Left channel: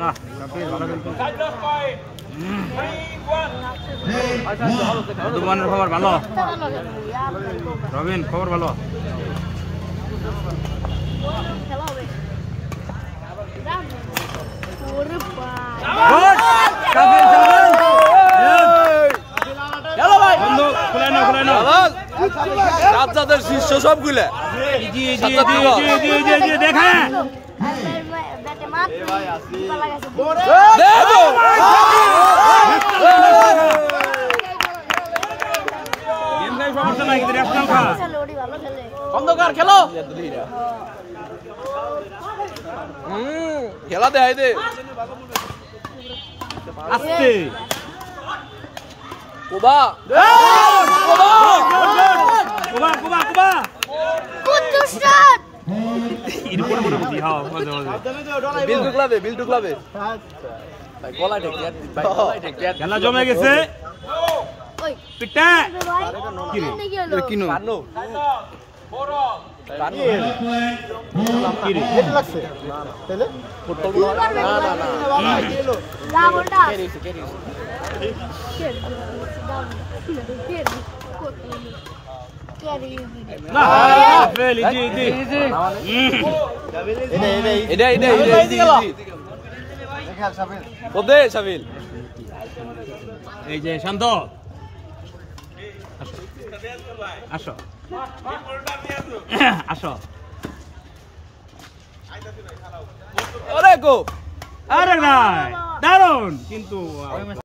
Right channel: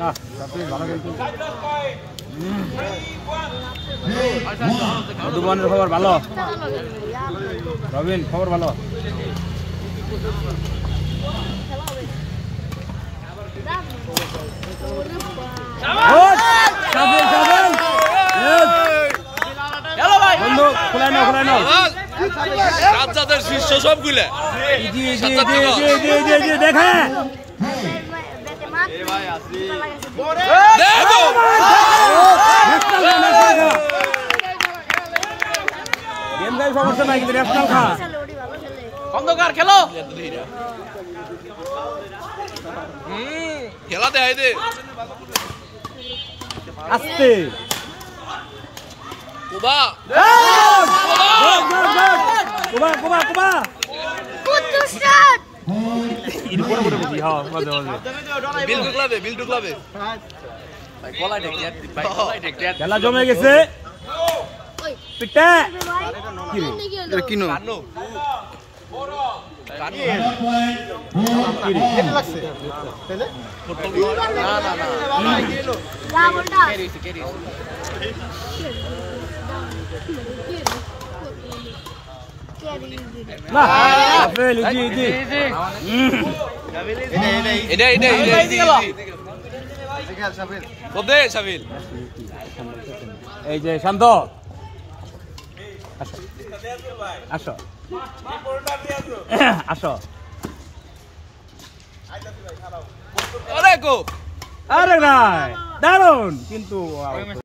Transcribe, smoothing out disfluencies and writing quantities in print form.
ভালো কিন্তু মধুবনের খবর ভালো রবিন খবর ভালো বন্ধু খোলাই নাও রাজ্জাদের শীর্ষ সবগুলা দেখা সমস্যা নাই কিন্তু ন্যাশনাল খা খন্দকার খেলো খেলা দেয় দে আস্তে কুবা ಇದು ಕೂಡ ಬರಬೇಕು ಹಾ ಮಜಾ ಮಜಾ বিল ঢুকলাবে গলায় ঢেকে খেলা জমে গেছে পিটা কি রে এটা কিনো বড় পানি কি রে লাগছে তাহলে ফুটবল না বলটা কেরি না সাফেল ইজি এটা ওদে সাফেল এই যে শান্ত আসো আসো আরে গো আরে ভাই দারুন কিন্তু